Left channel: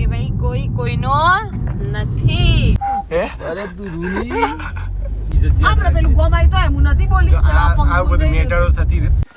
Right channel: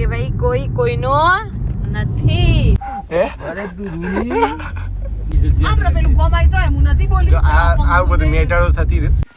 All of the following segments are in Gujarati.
કે ભાઈ કોઈ કોઈનો નથી. અરે તું આપણે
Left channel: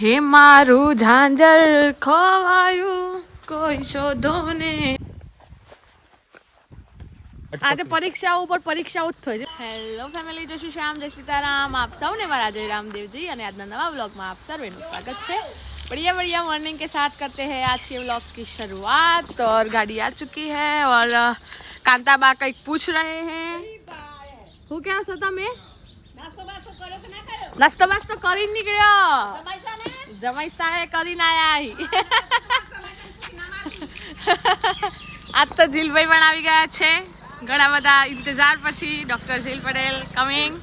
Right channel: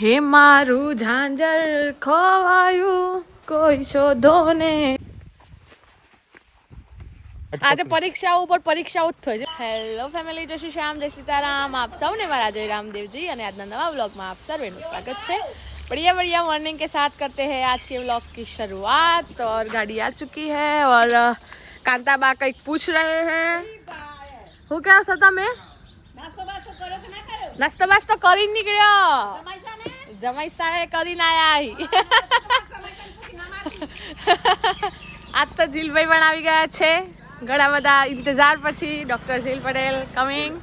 હે મારું ઝાંઝર ખોવાયું કોઈ શોધો ને આજે પરીક્ષાઓ ઉપર પરીક્ષાઓ જ થઈ છે હેલો ફેમિલી જય શ્રી શ્યામ જય સીતારામ. આપ સૌને મારા જય રામદેવજી અને આજના નવા બ્લોગમાં આપ સર્વેનું સ્વાગત છે. बढ़िया बढ़िया मॉर्निंग के साथ करते हैं आज के व्लॉग की शुरुआत और गाड़ी आ चुकी है और अ, कांता बा કંઈક પૂછ રહે हैं હું क्या છો તમે નાસ્તો બાસ્તો કરીને નીકળ્યો જમાઈ સાહે કરીને આયા આજ તો જીલભાઈ પણ આવી ગયા છે ઘણા બધા ઇંતજાર પછી ડોક્ટર જીલ પટેલ કમિંગ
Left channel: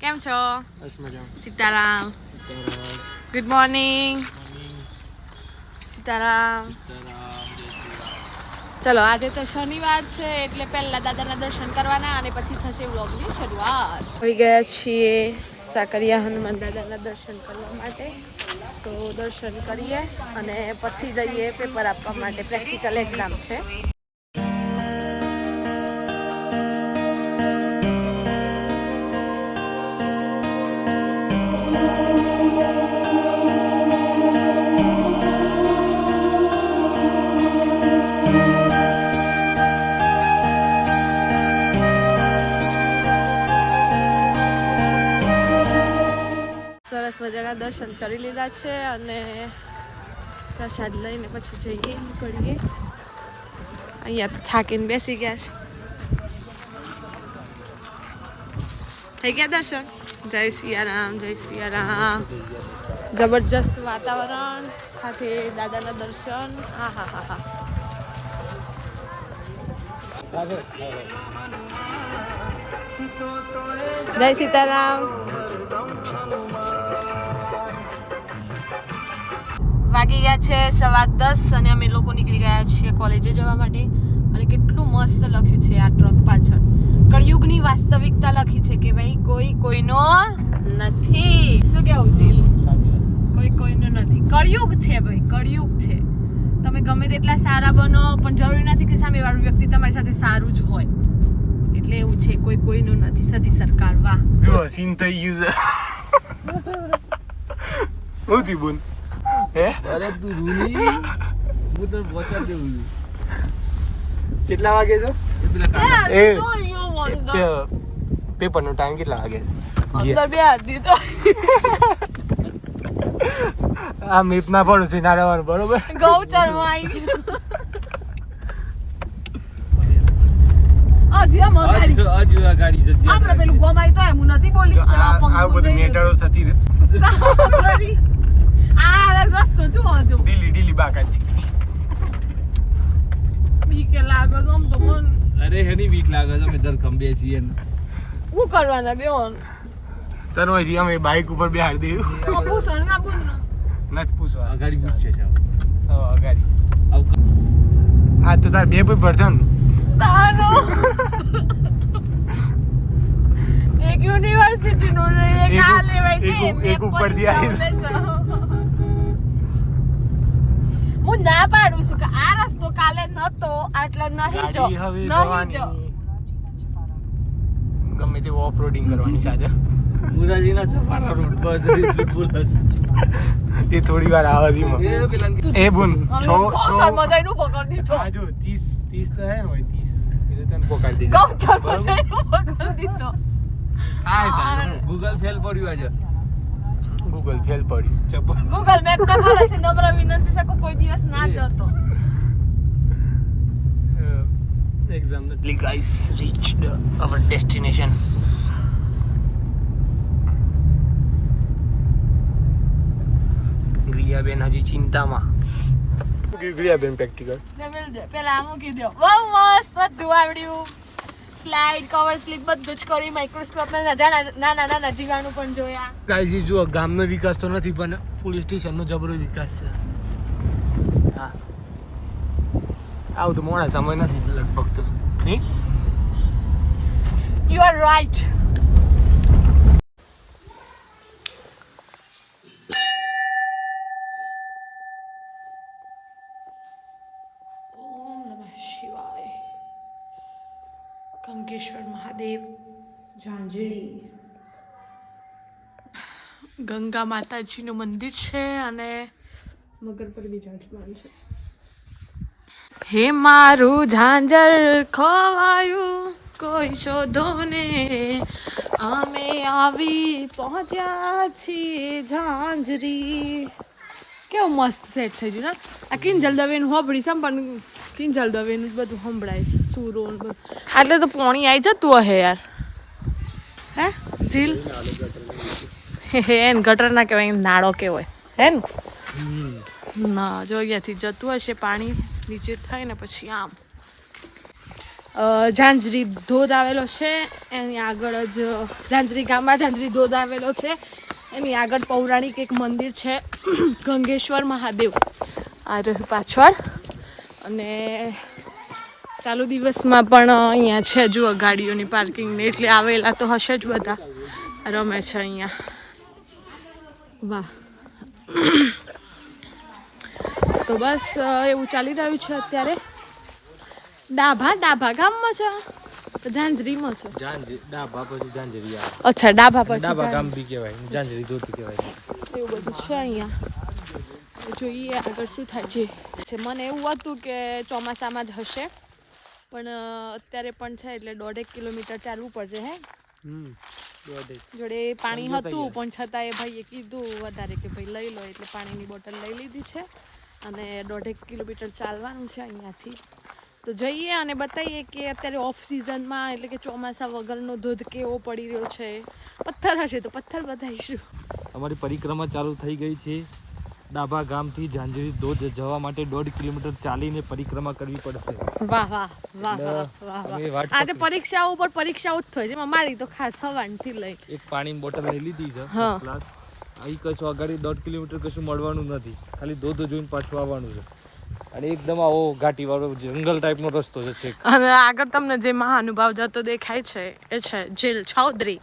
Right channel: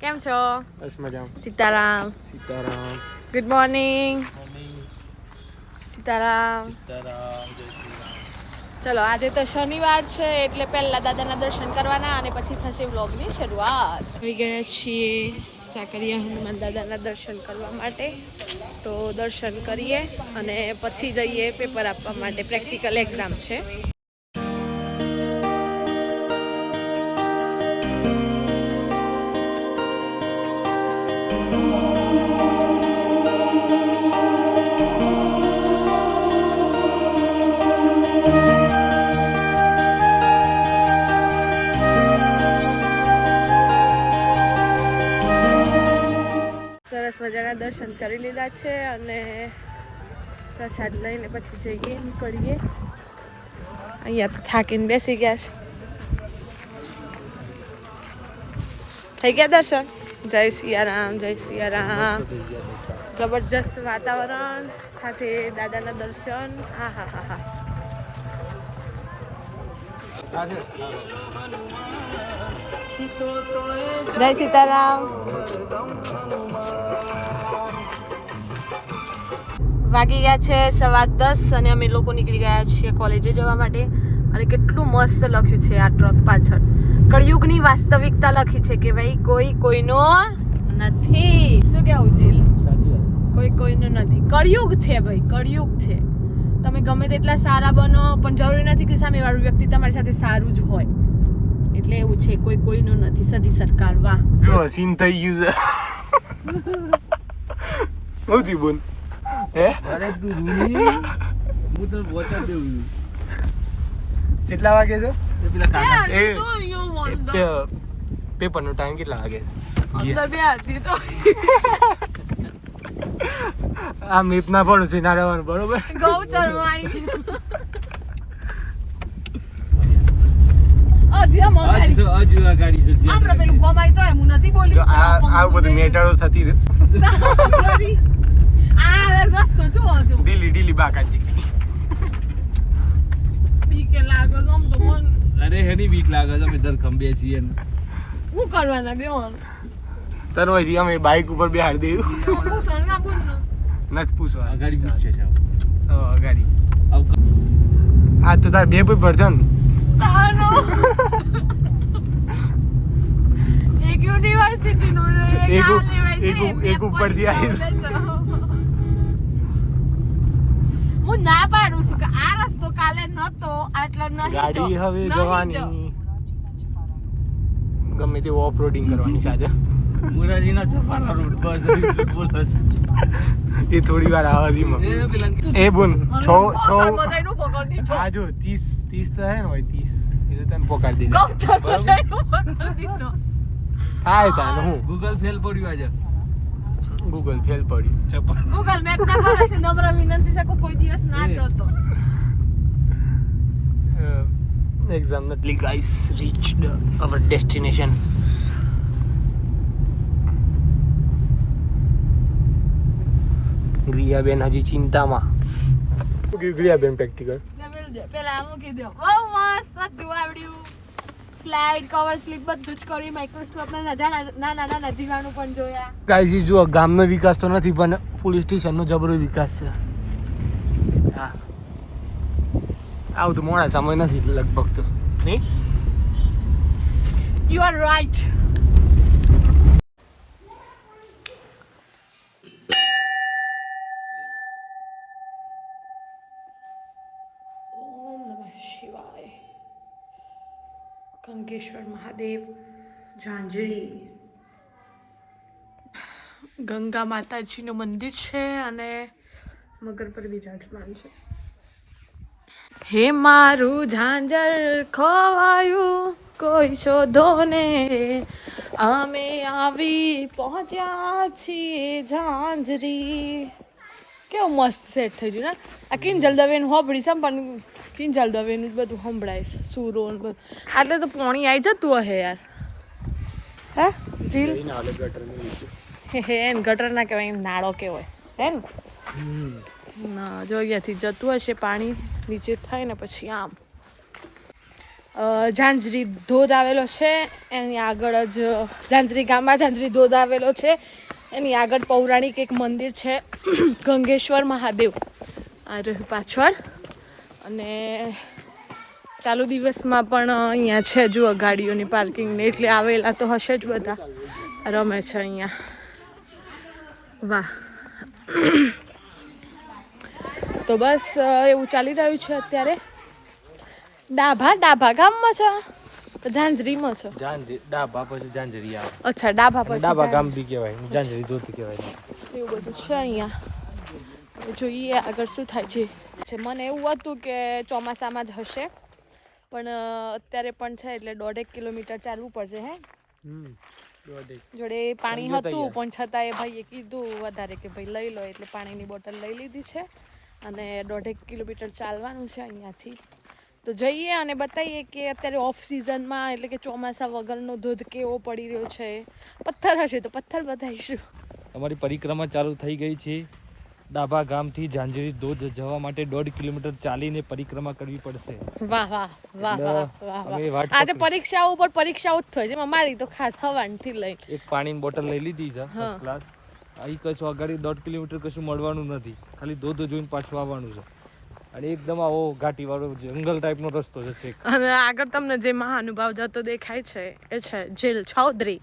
કેમ છો બસ મજામાં Sitaram Sitaram good morning Sitaram. ચલો આજે તો શનિવાર છે એટલે પહેલા દાદાના દર્શન કરવાના અને પછી થશે વ્લોગની શરૂઆત. થઈ ગયા છીએ સાકરિયા હનુમાન દાદાના દર્શન કરવા માટે. તો દર્શન કરીએ અને પછી જઈએ પેપર આપવા માટે પ્રેક્ટિકલ એક્ઝામ છે. સરસ દર્શન કરી લીધા છે અને પ્રસાદ લઈને પછી જઈએ, નીકળીએ. અહીંયા તો થાકીને બેસી ગયા છે. થઈ ગયા દર્શન? જય સિયારામ જય સિયારામ. જબરજસ્ત વાતાવરણ, સાથે દાદાના દર્શન. હા હા હા હા. જય સીતારામ. વાગી ગયા છે સવા દસ અને અમે લોકો નીકળી ગયા છીએ કોલેજે જવા માટે. અને કેટલું મસ્ત લખ્યું છે આ ટ્રક પાછળ. કળિયુગની વાસ્તવિકતા લખી છે કે ભાઈ કોઈ કોઈનો નથી. શું કેવું જીલ? કોઈ કોઈનો નથી. કળિયુગ છે ભાઈ કળિયુગ છે. તમે ગમે તેટલા સારા બનો પણ જરૂરી નથી કે સામેવાળું વ્યક્તિ તમારી સાથે સારું જ હોય. એટલે એવું છે કોઈ કોઈનું નથી. સદી સરકાર વાહ. જો સીન થઈ ગયું છે. બહુ બોલ હે? અરે તું રૂની. હું તને પહોંચાડ દેવું છું. કેટલા વાગે છે? એ પેલા કાકા. એ પેપર નો ટાઈમ કેટલા વાગે છે? ગયા અંદર બે હતી તો. આ મેપ ના પડું છે ના રહેવાનું બરોબર ગૌચરમાં આવી આમ અગાડી. હજુ હજુ આ ગાડી છે જે પેલું ગમાય તો એમ નથી બોલી. આ આવું બધું મેટરો થતી રહે. આ રસ્તો જુઓ જો. ઢીલી ઢીલી બાકાજી. બીકે લાગો છો આમ તો મન. અરે હેની બીક લાગે છે અમે ધરખમ બેસીએ ને. શું કરવાના બેન તને હોય અમે બાઇક ઉપર બેહાડી દેવું? હું સણગા બોલનું નથી પૂછવા અગાડી ગાડી પૂછશે છે હવે. હવે અગાડી. આવ આ તો તાર બે ભાઈ ભરજન ને? એક યુનિવર્સિટી નો એક એક ઉ- આ એક ઉ- બે એક ઉપરથી પોલીસ આવી. હું ના પાડું છું કે આ રસ્તો કાલે નતો આટલો હવે જવાની. ગમે તે ઓફ રોડિંગ કરવાની સાથે. એ થોડી વાર આવે છે એ બુન છ છ ગૌચર મજાનું પકડી દીધો. આ જો ત્રીસ ત્રીસ તો હે ને હોય ત્રીસ. એટલે તને પોકાડી દીધા. થાય તાને હું? ગૂગલ ફેલ પડ્યું આજે. ગૂગલ ફેલ પડ્યું ગૂગલ મેપ તો બોલે છે, નમ્ર વિનંતી છે કે કોઈ દિવસ ના એ. જતો નટલી ગાઈસ રીચ્ડ અવર ડેસ્ટિનેશન ગ્રિયાબેન હજી ચિંતામાં ગ્રિયાબેન પ્રેક્ટિકલ લેવલ દે પેલા આ મૂકી દો બહુ મસ્ત બધું આવડ્યું. સ્લાઇડ કવર સ્લીપ બધું જ કરી માઇક્રોસ્કોપ ના નાના નાના જીવાણુ પણ જોયા. ગાઈસ જો ગામનો વિકાસ તો નથી પણ પોલીસ સ્ટેશનનો જબરો વિકાસ છે. હા. આવું તો મોડા સમય નથી લગભગ તો. આર રાઈટ ઓમ નમઃ શિવાય. કંકેશ્વર મહાદેવ ઝાંઝરી. ગંગા માતાજીનું મંદિર છે અને મગર પર બિરાજમાન છે. હે મારું ઝાંઝર ખોવાયું કોઈ શોધો ને અમે આવી પહોંચ્યા છીએ ઝાંઝરી. કેવું મસ્ત સેટ થઈ ગયું ને? આ કિંજલ દવેનું હોબળી છે પણ કિંજલ દવેનું જ બધું સંભળાય છે સુરો બધું. એટલે તો પોણી આવી જતું હશે યાર. હે જીલ હે એને ગટર ના કહેવાય નાળો કહેવાય. હે ને? ના જો અહીંયાથી જતું હશે પાણી. નીચે થઈને પછી આમ. ઝાંઝરી ધોધ આવેલો છે, એની આગળ જ ઝાંઝરી ગામમાં ઝાંઝરી ધોધ આવેલો છે. એની આગળ પૌરાણિક એક મંદિર છે, ગંગેશ્વર મહાદેવ. આ રહ્યું પાછળ. અને ચાલુ દિવસમાં પણ અહીંયા છે જુઓ ગાડીઓની પાર્કિંગને, એટલે આવેલા તો હશે જ બધા. રમે છે અહીંયા. વાહ. તો બસ એવું ચાલી રહ્યું છે અત્યારે. ડાભા ડાભા ગામમાં છે? ઝાંઝરીમાં છે. ઝાંઝરી ડાબા પછી જાંજરી અચ્છા ડાભા પછી ડાભા ગામ બી કહેવાય ઝાંઝરી ધોતી કહેવાય. એવું બધું છે અહીંયા. જોઈએ આગળ શું થાય છે. મને એવું હતું કે ચોમાસામાં જ હશે પણ અત્યારે પણ છે એટલે દોઢેક કિલોમીટર ચાલવું પડશે હે? હમ જોડે પાણી હતું પણ છતાં એ ભાઈએ કીધું વધારે કે ભાઈ લઈ લો એટલે પાણીની બોટલ લઈ લીધી છે. અને દોઢેક કિલોમીટર ચાલવાનું છે અહીંયાથી. તો જઈએ અને બતાવીએ કે અત્યારે ઓફ સિઝનમાં એટલે કે ચોમાસા વગરનો ધોધ કેવો પડી રહ્યો છે. પથ્થર હશે તો પથ્થર બતાવીશું. અમારી પરિક્રમા ચાલુ થઈ ગઈ છે. ડાભા ગામથી ઝાંઝરી ધોધ જવા માટે દોઢ કિલોમીટર ચાલીને પરિક્રમા કરવી પડશે. વાહ વાહ વાહ વાહ વાહ વાહ. આજે પરીક્ષાઓ ઉપર પરીક્ષાઓ જ થાય છે. એમાં મારી તો ખાસ હવાનથી લઈ. એક પાણીની બોટલ લઈ લીધી છે ફર્સ્ટ ક્લાસ અહીં કશું આગાડી દોઢ કિલોમીટર કશું મળવાનું નથી. ખાલી ધોધ જોઈને પાછું આવવાનું છે. અને એકદમ આવો ઘાટીવાળો જંગલ ટાઈપનો રસ્તો છે અને આગળ તમને જે મહાનુભાવ જતો દેખાય છે એ છે જીલ ચૌધરી.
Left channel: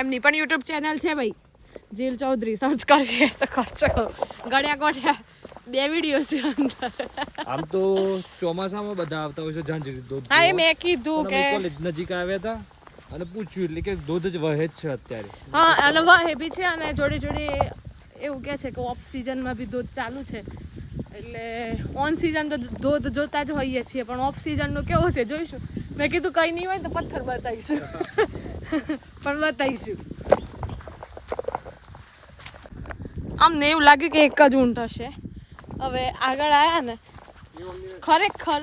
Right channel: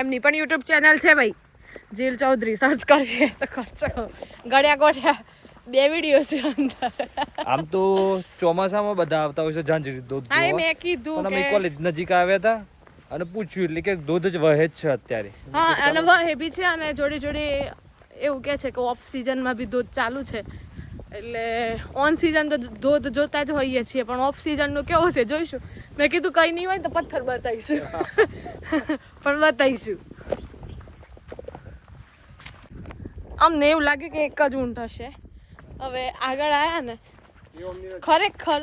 એમની પણ યુટ્યુબ ચેનલ છે ભાઈ. જીલ ચૌધરી સર્ચ કરશે તો કરજો ગળ્યા ગોઠ્યા બે વીડિયો છે અંદર. આમ તો ચોમાસામાં બધા આવતા હોય છે ઝાંઝરી ધોધ હા મેં કીધું કે કોલેજ નજીક આવ્યા હતા. અને પૂછ્યું એટલે કે દૂધ જ વહે છે અત્યારે. હા, અને વહે બી છે અને જોડે જોડે એવું કે છે કે ઓફ સિઝનમાં બી ધોધ ચાલુ છે. એટલે ઓન સિઝન તો ધોધ જોતા જ હોઈએ છીએ, પણ ઓફ સિઝનનું કેવું છે જોઈશું. મેં કીધું કંઈ નહીં હોય તો પથ્થર બતાવીશું. પણ બતાવીશું. અમને એવું લાગ્યું કે એક જ ઊંટ હશે. હવે આગળ આવ્યા ને, ખરેખર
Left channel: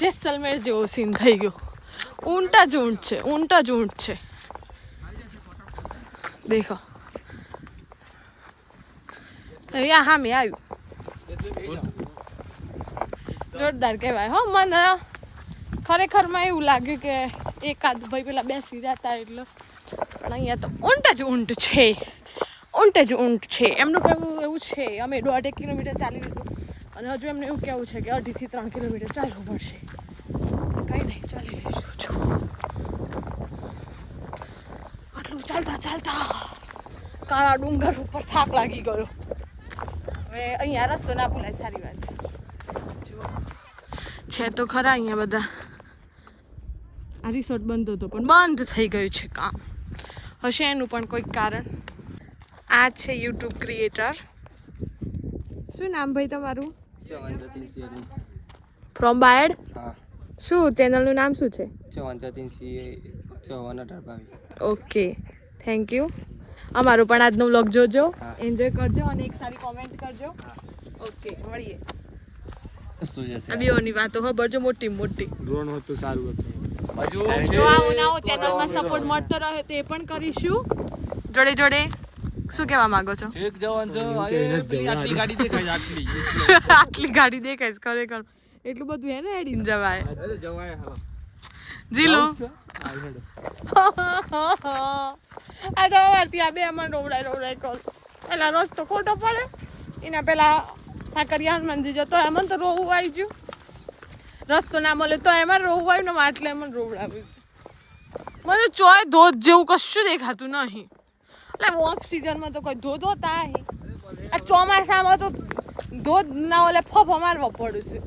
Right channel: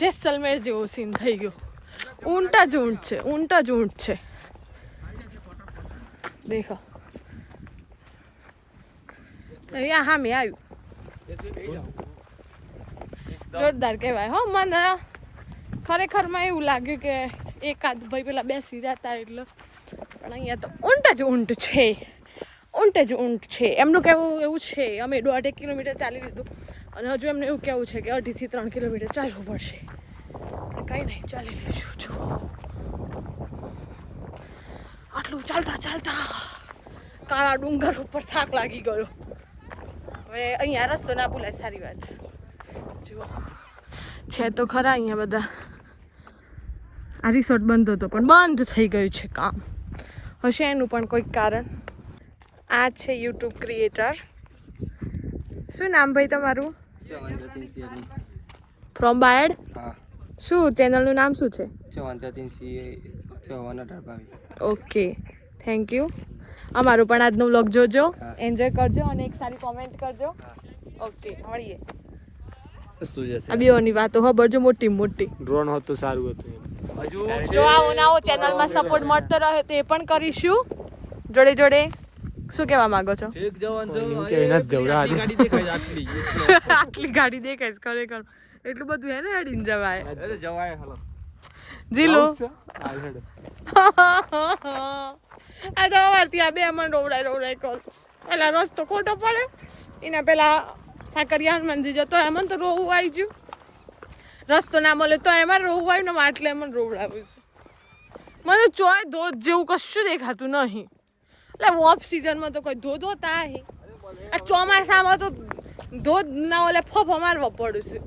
જેસલમેર જેવો સીન થઈ ગયો. ઊંટ જ ઊંટ છે, ઊંટા જ ઊંટ છે. દેખો. અહીંયા હા મેં આવ્યું. જોરદાર કહેવાય, હો, મને ખરેખરમાં એવું લાગ્યું કે એકાદ ભાઈ પેલા બેસી જતા એટલે. પણ અહીંયા તો ઊંટ જ ઊંટ છે. ઊંટ જ ઊંટ છે. એમનું કહેવું એવું છે, અમે દોઢેક કિલોમીટર ચાલી લીધું. અને હજુ એમને એવું કહેવું છે કે અઢીથી ત્રણ કિલોમીટર ચાલવું પડશે. કંઈ નહીં ચાલી લઈશું જો. આટલું ચાલતા ચાલતા કાળા ડુંગર ઉપર થાક લાગી ગયો. હવે અહીંયા રસ્તો ના ભૂલાય સારી વાત. જુઓ છે તો ખરા અહીંયા બધા. આ રિસોર્ટ બંધ હતો પણ બંધ થઈ ગયું છે કામ. હશે એનું પણ કોઈક કારણ. આ છે યુટ્યુબ ક્રિએટર શું નામ ભાઈ તમારું? ફ્રોમ બાયડ હા. શું? ચેનલનું નામ શું છે? ચૌહાણ જતીન સિંહ ચૌહાણ અઢાર ઓકે. થેન્ક યુ અમારો પણ આજનો વ્લોગ જોજો. એન્જોય કરજો અને એક સારી કોમેન્ટ કરજો. ઓકે મળીએ. આ બેઓની વાતો ખબરજો મોટી મોટી. ડ્રોન હોત સારું હતું જો આવો નવો ચેનલમાં સપોર્ટ મળતો રહે તે પણ કરીશું. જોડે જોડે શું કહેવા માંગો છો? આટલી ગાડી દેખાય છે, આટલી. આટલી ગાડી દેખાય છે ખરેખર. એટલું બધું હે ને હેડીને જવાય. અરે જવાય હાલો. જીલો આ આ તો અવારથી આ બે માં રોવડાય રોવડાય કર પેલા રસ્તો ખોટો પડે એના પેલા સાકરિયા હનુમાનજી જતો એમાં તો રોવું આવી ગયું. રસ્તો ના મળે તો એમાં રોવું આવ્યું ને માટલે એમાં રોવડાવ્યું છે. મને ચોય ધોધ જેવું કશું દેખાતું નહીં. એટલે ઓફ સિઝનમાં તો કોઈ ધોધ હોતા આ ચોમાસામાં તો ધોધ ના ઓલે ફફ મારવો પડશે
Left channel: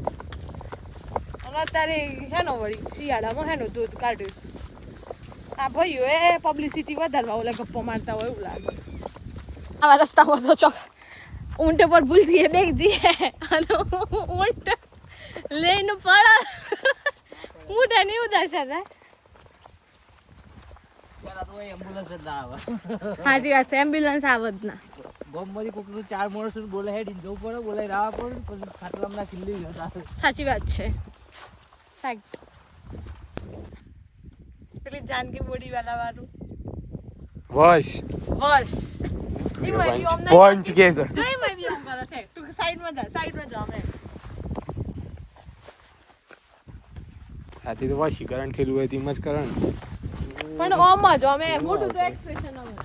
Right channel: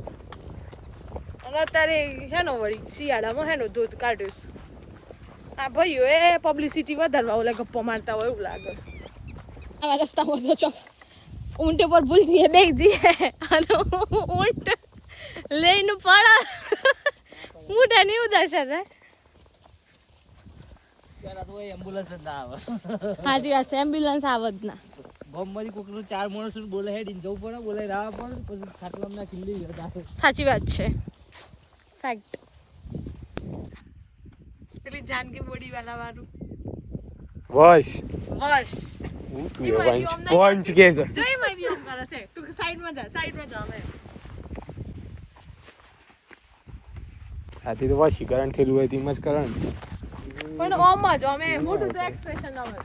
અને અત્યારે હેનો વળી શિયાળામાં હેનો ધોધ કાઢ્યું છે આ ભાઈઓ એ પબ્લિસિટી વધારવા ઓલા ગપ્પો મારતા હોય એવું લાગે છે. આવા રસ્તામાં તો ચોક ઊંટ પર ભૂલથી બેગ જઈએ. અને ઊંટ લઈને પડ ઊંટ એની ઉદાસા થાય સાચી વાત છે એમ્બ્યુલન્સ આવત ના. ગમમાંથી કોકનું ચાર માણસો બોલે હેડીને જવું પડે બોલે રાહ પડે પછી ખાટલામાં ના જતા. સાચી વાત છે. ફેક્ટ પેલી જાનકી બોડી વાળા વાળું. વશ. વોશ. હું તું એ વંચ. વંચ કે છે નહીં મેં બી આમ કરે છે તું સાઈડમાં જા સાઈડમાં જા મે આથી તો વશીકરણ થયેલું હોય તેમ જ કરણ. પણ ઓમ જ અમે મોટું તો એક્સપ્રેશન અમે.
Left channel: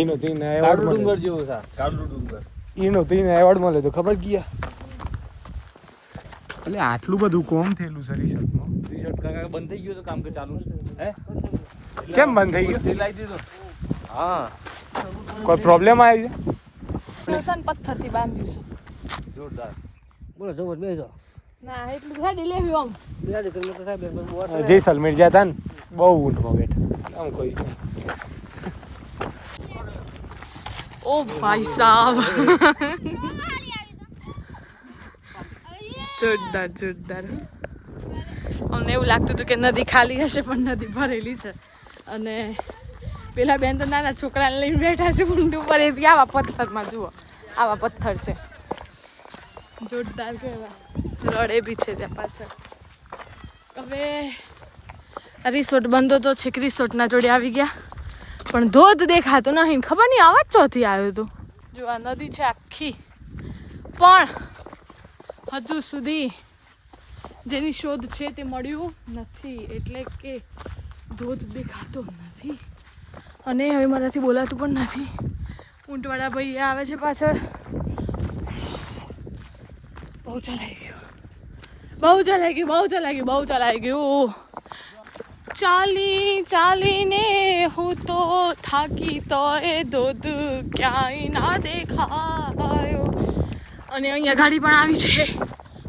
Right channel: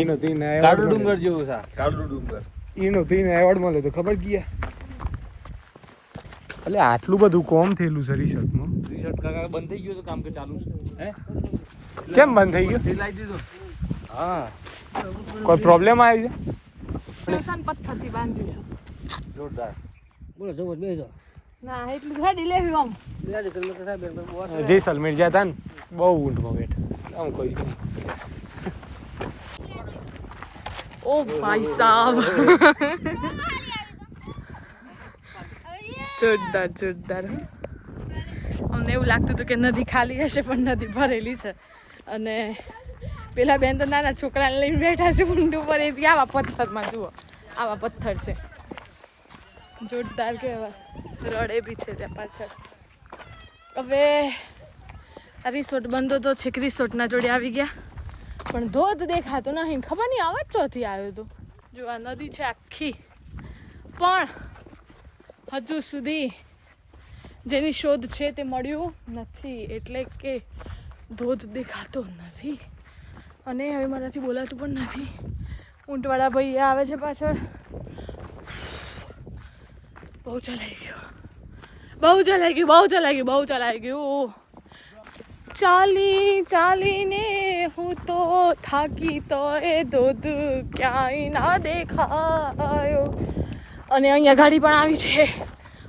એનો તીન એવોર્ડ મળે ડુંગર જેવું છે. કાળું ડુંગર. એનો તીન એવોર્ડ મળે તો ખબર ગયા? એટલે આટલું બધું કોમ થયેલું છે રિસર્ટમાં રિસર્ટ કાકા બંધ થઈ ગયું તો કામ કે ચાલુ હે કેમ બંધ થઈ ગયું લાવી દીધું હા કોઈ પ્રોબ્લેમ આવી છે પથ્થરથી બાંધ્યું છે જોરદાર બોલો જબર બેસો જેસલમેર જ્યાં હતા ને બહુ ઊંટમાં બેઠા આમ કોઈ ઓ ભાઈ સાહેબ જોરદાર જોરદાર. અમને એવું લાગતું હતું કે નદી ખાલી હશે, પણ નદી ભરેલી છે. અને પેલા બેન તો નાના છોકરાને લઈને બેઠા છે ઊંડું પર એ આવા પથ્થરમાં, જુઓ. આવા પથ્થર છે. જોરદાર કહેવાય. રડે બી છે ત્યાં પાછળ. હવે રિસોર્ટ બંધો તો છેક રિસોર્ટના જોડે આવી ગયા. પણ ધોધ દેખાતો નહીં ખબર નહીં આવાજ ચોથી આવ્યો હતો. જો આ નદી છે આખી. પણ હજુ સુધી જેની શોધ છે તે મળ્યું નથી. એટલે કે ધોધ દેખાતો નથી. અને હવે મારાથી બોલાતું પણ નથી. ઊંટવાળા ભાઈ આવે છે પાછળ. બહુ ચલાઈ ગયું. બહુ ચલાઈ ગયું, બહુ ચલાઈ ગયું, બહુ ચલાઈ ગયું. ચાલી, ચાલીને હું તો થાકી તો એ ધોધ ક્યાંય ના દેખાયો. અને અહીંયા ગાડી પણ આવી છે.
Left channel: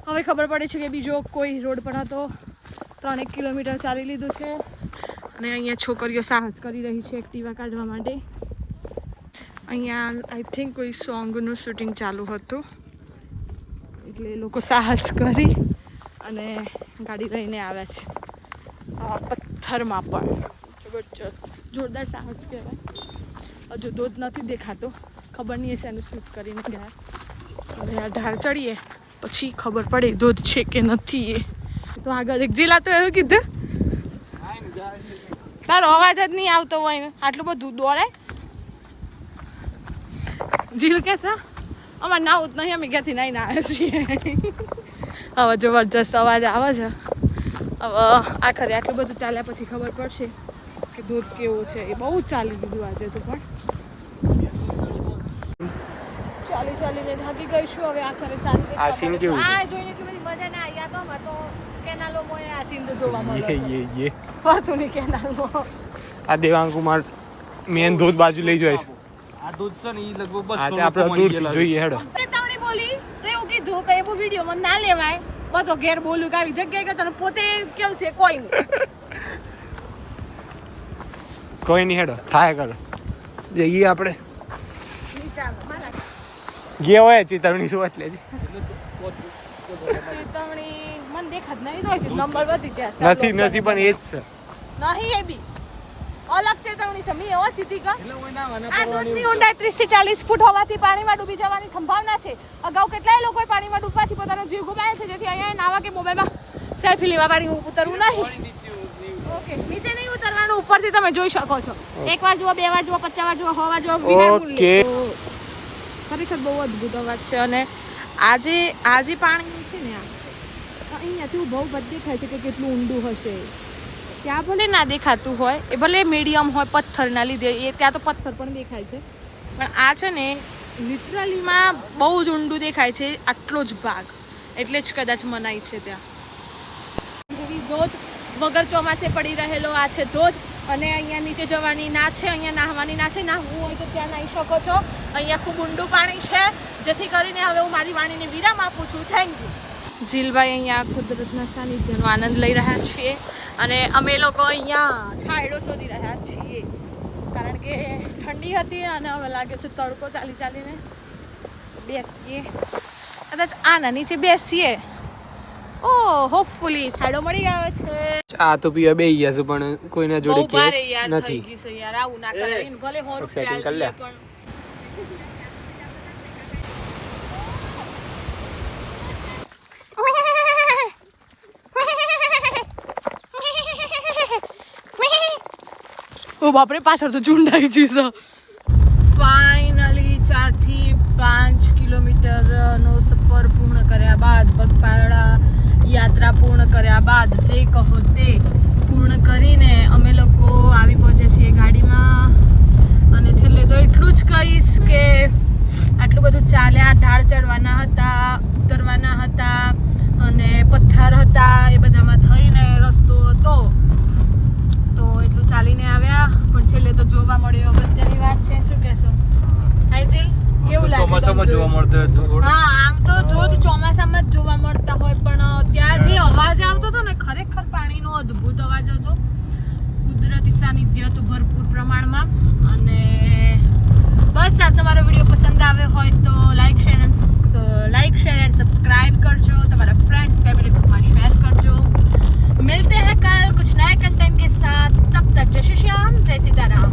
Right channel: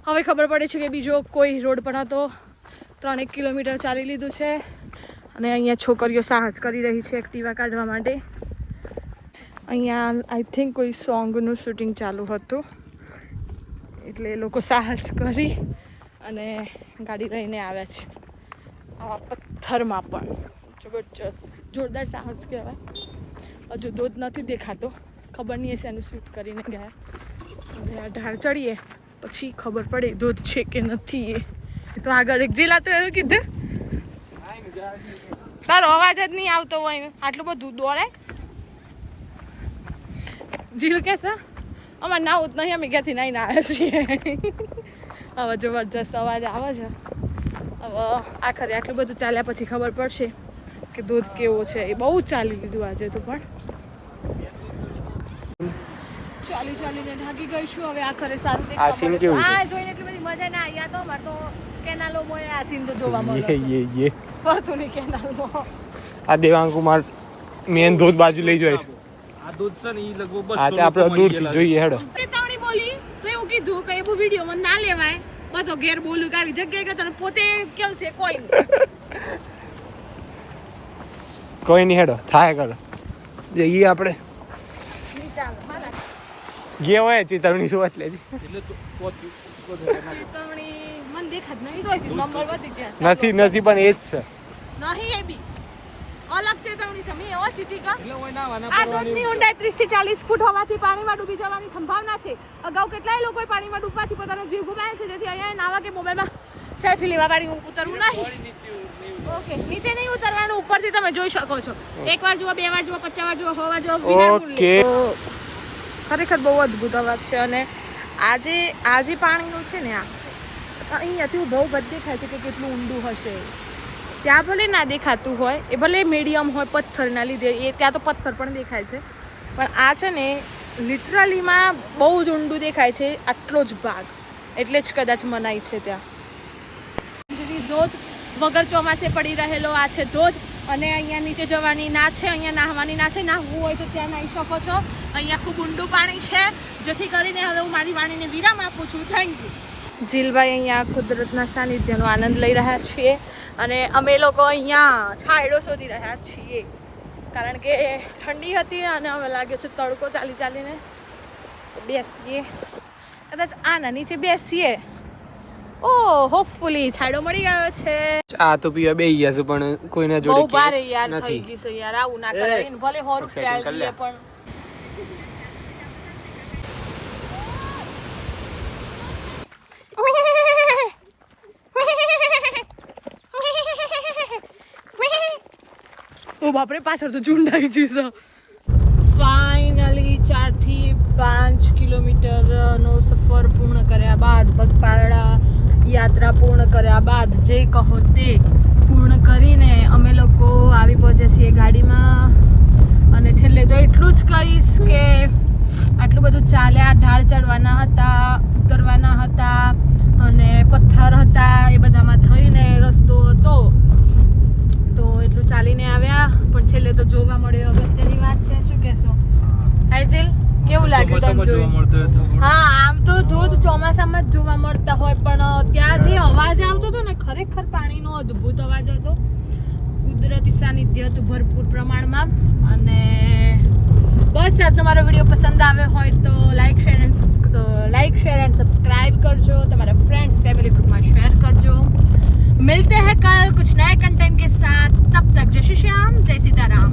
હવે ખબર પડે છે કે બીજો કોઈ રોડ પર હતો. ત્રણેક કિલોમીટર ચાલી લીધું છે. અને અહીંયા છોકરીઓ સાહસ કરી રહી છે એક્ટિવા કાઢવા માટે. અહીંયા આઈ થિંક કોઈ સોંગનું શૂટિંગ ચાલુ હતું. એટલે એ લોકો સાહસ કરી અને ગાડી લઈને આવ્યા છે. પથ્થરમાં પણ. જબરજસ્ત. જોરદાર સાહસ કહેવાય. હજુ ધોધ નથી દેખાતો. ખબર નહીં હશે એનું શૂટ કરીને ગયા. આ ઢાળ ચડીએ, પછી ખબર પડે ધોધ છે કે નથી એ. તો આગળ એક જિલ્લા તો એવું કીધું. તારો અવાજ જ નહીં આવતો હોય આટલું બધું દોડે. જીલ કે છે? અમારે નાવું જ નહીં, અમે ક્યાંથી નાઈને આવ્યા છીએ. હવે જબરજસ્ત અવાજ આવે છે. હવે આખરે આટલું બધું ચાલ્યા પછી ખબર પડશે કે દૂધ કેવો છે એ બહુ ચાલી લીધું આજે તો પણ. ચાલી ચાલીને થાકી ગઈ છું. હવે આખરે શાંતિ આ સીન કેવું છે? આ જોઈને એટલી બધી મજા ના આવી. તો વર્તુળ કેનાલો કોઈ આ સીન તો જોવા મળે યે યે યે. વર્તુળની કેનાલો આ દેવાંકુમાર મેન ધોધ બાજુ લઈ જાય છે. આ દૂધ છે ને એ લગભગ બસ આ તે આપણે દૂરથી જોઈએ હેડો. બોલી તો એવું કીધું કે એવું વીડિયો માં ના લેવાય. બધો ઘેર બોલું કે આવી જગ્યાએ કે તો પોતે કેવું છે કોઈ કોઈ નહીં હેડો. થાય કરો. જઈએ આપણે. ગયા હોય ચેતવણી શું એટલે? નથી નથી પણ એ જ છે. નહીં એ બી અલગ ચેતવણી છે એવો ચીટીકા એટલે કોઈ ના વાના આ દૂધની ઊંડાઈ ત્રીસથી ચાલીસ ફૂટ હોવાથી પાણીમાં ડૂબી જવાની સંભાવના છે અગાઉ કેટલાય લોકોએ પાણીમાં ડૂબવાથી પોતાનો જીવ ગુમાવ્યો છે જેથી અહીંયા નાવા કે મોબાઈલમાં સેલ્ફી લેવા વાળી ઉતરવું નહીં ઓકે નીચે નહીં ઉતરવાનું ઉપરથી તમે જોઈ શકો છો. એક વાર જુઓ બે વાર જુઓ પચાસ વાર જુઓ સો વાર જુઓ ઓકે. ખરેખર બહુ અદ્ભુત અવાજ છે અને આજે આજે પાણીનું છે ને આ. અહીંયાથી બહુ બધ દેખાય છે કે કેટલું ઊંડું હશે. ત્યાં ભલે ના દેખાતું હોય, એ ભલે મીડિયમ હોય પથ્થરના લીધે, એ ત્યાં તો પથ્થર પણ દેખાય છે. પણ આ છે ને, લિટરલીમાં બહુ જ ઊંડું દેખાય છે, આટલો જ ભાગ. એટલે જ કદાચ મનાય છે ત્યાં. ધોધ વગર ચોમાસે પડી રહેલો આ છે ધોધ. અને અહીંયા નીચે જવાની ના છે, અહીંયા નાહવાની ના છે, નાહવું હોય તો ત્યાં નાહી શકો છો. અહીંયા ખૂબ ઊંડું પાણી છે, જેથી કરીને હવે હું મારી વાણીને વિરામ આપું છું. થેન્ક યુ જીલભાઈ અહીંયા કુદરતના સાનિધ્યનો આનંદ લઈ રહ્યા છીએ અને અમે લોકો અહીંયા છાંયડો શોધી રહ્યા છીએ. કારણ કે ઠંડી હતી અને અમે લાગે છે તડકો ચાલી ચાલીને બેસીએ. કદાચ આના નીચે બેસીએ. ઓ હોપફુલી છાડો મળી ગયો છે. આ તો પીવા બે ગયા છે પણ કોઈના જોડે થઈ નથી. યાર આવું ના કરાય. ભલે કરી લે. પણ ઓ બાપરે પાછળ તો ઝુંડ આવી જશે ફાઇનલી ચારથી પાંચ કિલોમીટરનો સફર પૂર્ણ કર્યા બાદ પગપાળા યાત્રા પૂર્ણ કર્યા બાદ જે કહો તે પૂર્ણ કરીને અમે લોકો આવી પહોંચ્યા છીએ ગાડીમાં. અને છેલ્લે તો એટલું જ કહીશ કે આટલું બધું ચાલ્યા, ઢાળ ચડવાના હતા, ઉતરવાના હતા અને પથ્થર હતા એ બધામાં થઈને રસ્તો હતો. તો એટલું ચાલીને આવ્યા. પણ છેલ્લે તો જોવા મળ્યો અગત્યની વાત છે શું કહેશો હાઈજિલ કેવું લાગ્યું ચોમાસામાં જોવા મળતો હોય હા આમ તો ધોધ ચોમાસામાં જ જોવા મળતા હોય પણ ત્યાં જે અવાજ આવતો હતો ને ખરેખર પાણીનો અદ્ભુત અવાજ હતો. કુદરતી સાનિધ્ય હતું ભરપૂર પ્રમાણમાં. અને બસ આજનો તમારો વીડિયો પસંદ આવ્યો હોય તો like share and like share and subscribe કરજો. તમારા ફ્રેન્ડ્સ ફેમિલી ગ્રુપમાં શેર કરજો. મિલતે हैं कल कुछ नए कंटेंट કે साथ તબ તક जय श्री श्याम जय सीताराम